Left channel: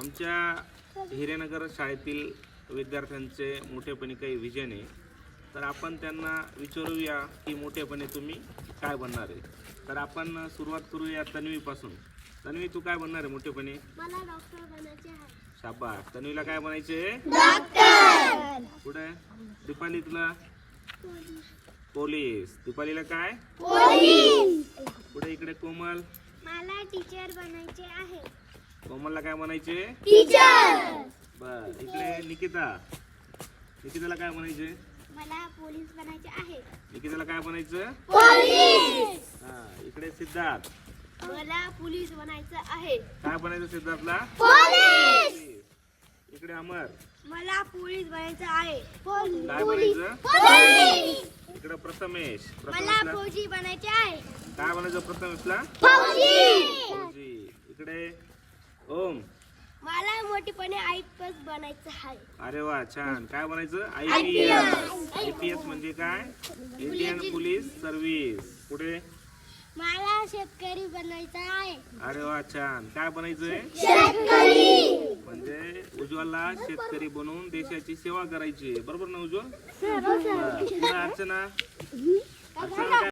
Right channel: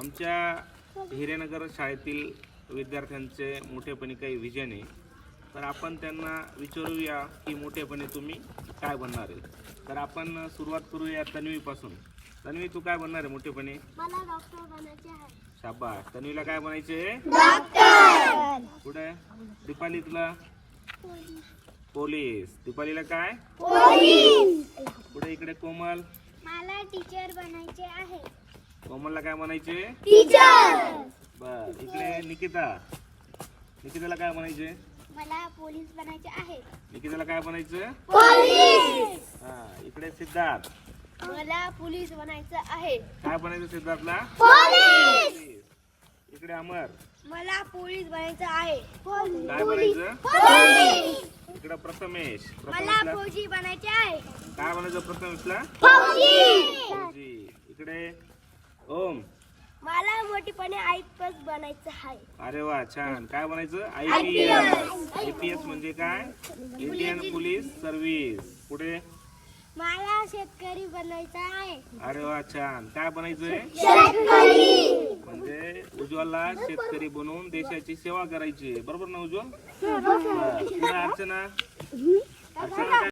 आमच्या हिरेनगर शाळेतील विद्यार्थ्यांचे मोठेपणी काही विजन आहे. तर आपण त्यांना विचारूया की मोठेपणे तुम्ही काय बनणार आहे. तर आपण सुरुवात करूया तन्वीपासून. तन्वी तू काय बनणार आहे मोठेपणी? मला डॉक्टर बनायचे आहे. शाबास. तन्वीला काय बनायचे डॉक्टर पुढे दीपाली तुला पोलीस. दीपालीला काय? पुढे इकडे कोमल? मला टीचर बनायचे आहे. कोमलला काय म्हणायचे? टीचर बर इकडे निकिता. निकिताला काय म्हणायचे? मला पोलीस बनायचे आहे. निकिताला काय बनायचं पोलीस हा इकडे सिद्धार्थ. मला पोलीस बनायचं आहे. काय बनायचं सिद्धार्थला? पोलीस इकडे अमर. मला पोलीस बनायचं आहे. काय बनायचं पोलीस इकडे प्रथमेश. मला प्रथमेशला. फौजी बनायचे आहे. काय बनायचं प्रथमेशला? फौजी ओम. मला मोठेपणे आय पी बनायचं आहे. अरे वा छान. काय बनायचं? I P S I P S म्हणजे काय? Indian police service. पुढे मला शेतकरी बनायचं आहे. अरे वा छान. काय बनायचंय? म्हणजे उज्ज्वलला शेतकरी बनवून देशाची सेवा करायची. बरोबर ना उज्ज्वल? अर्चना. अर्चना काय